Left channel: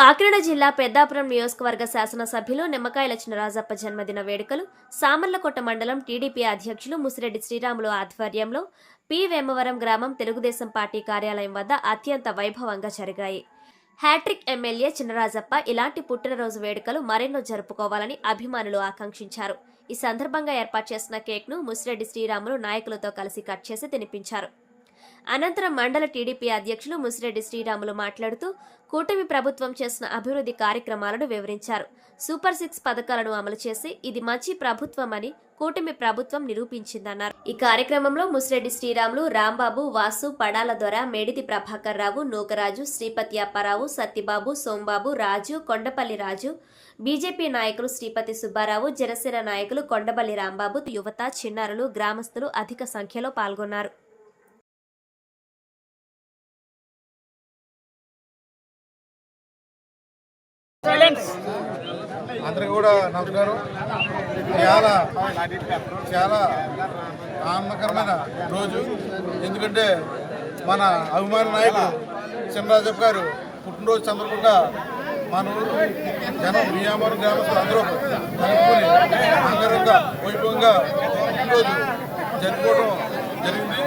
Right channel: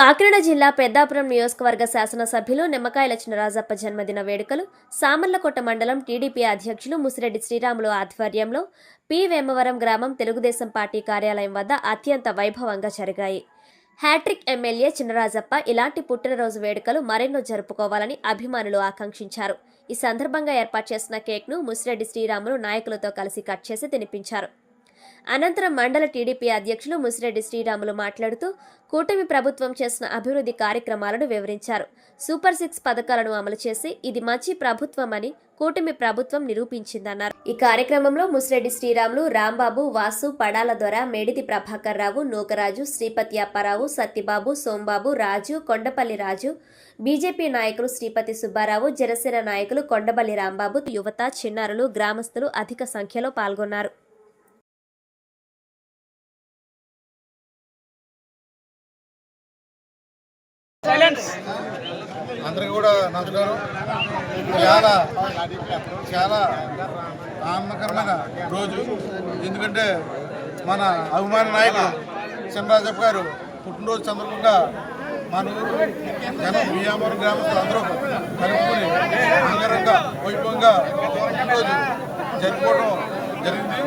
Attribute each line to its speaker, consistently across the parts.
Speaker 1: కాకినాడ జిల్లా పెద్దాపురం నియోజకవర్గ శాసనసభ్యులు నిమ్మకాయల చినరాజప్ప జన్మదిన వేడుకలు సామర్లకోట మండలం టీడీపీ అధ్యక్షులు ముసిరెడ్డి శ్రీరాములు ఆధ్వర్యంలో పి. వేమవరం గ్రామం తెలుగుదేశం పార్టీ కార్యాలయం వద్ద అత్యంత వైభవంగా జరిగాయి. హ్యాట్రిక్ ఎమ్మెల్యే చినరాజప్ప ఇలాంటి పుట్టినరోజు వేడుకలు మరెన్నో జరుపుకోవాలని అభిమానులు ఆకాంక్షించారు. ఈ సందర్భంగా ఏర్పాటు చేసిన కేక్ను ముసిరెడ్డి శ్రీరాములు నాయకులతో కలిసి కట్ చేసి తినిపించారు. అనంతరం మండల టీడీపీ అధ్యక్షులు ముసిరెడ్డి శ్రీరాములు మాట్లాడుతూ కూటమి ప్రభుత్వం చేసిన అభివృద్ధి కార్యక్రమాలను వివరించారు. సూపర్ సిక్స్ పథకాలను అమలు చేసి ఇది మంచి ప్రభుత్వం అని కూటమి ప్రభుత్వం నిరూపించిందన్నారు. ఈ కార్యక్రమంలో ముసిరెడ్డి శ్రీరాములు రాంబాబు వాసు పడాల దొర మేడితి ప్రభాకర్ రావు నూకరాజు శ్రీపతి అప్పారావు సత్యబాబు సోంబాబు రాజు కొండపల్లి రాజు బీజేపీ నాయకులు శ్రీపతి సుబ్బారావు జనసేన నాయకులు కొండపల్లి రాంబాబు యువత చిన్నారులు గ్రామస్తులు అధిక సంఖ్యలో పాల్గొన్నారు.
Speaker 2: అందరికీ కూడా నమస్కారం. చాలా చాలా ఆనందకరమైన రోజు. ఎందుకంటే మన అభిమాన నాయకుడు చినరాజప్ప గారు పుట్టినరోజు సందర్భంగా మన ఊరు జనం బియ్యామరం గ్రామస్తులు అందరూ కలుపుకొని అంగరంగ వైభవంగా పుట్టినరోజు జరుపుకోవడం జరిగింది.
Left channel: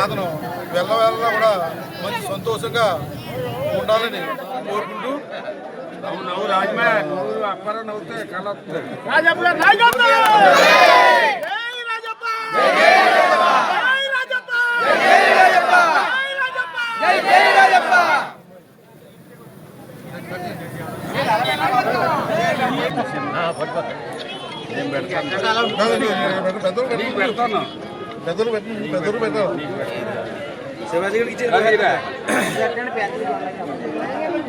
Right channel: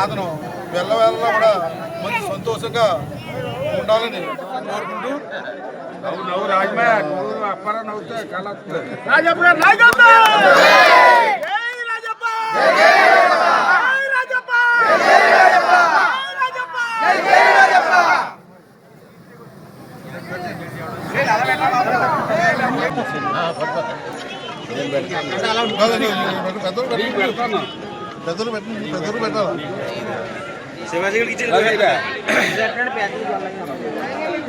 Speaker 2: అతను వెళ్ళ కూడా మంచి సంతోషంగా ఉండాలని కోరుకుంటూ
Speaker 3: రాజప్ప రాజప్ప
Speaker 2: పెద్దలు పెద్దలు పెద్దలు పెట్టి పెద్దలు పెట్టాలి
Speaker 3: శివాజీ గారికి.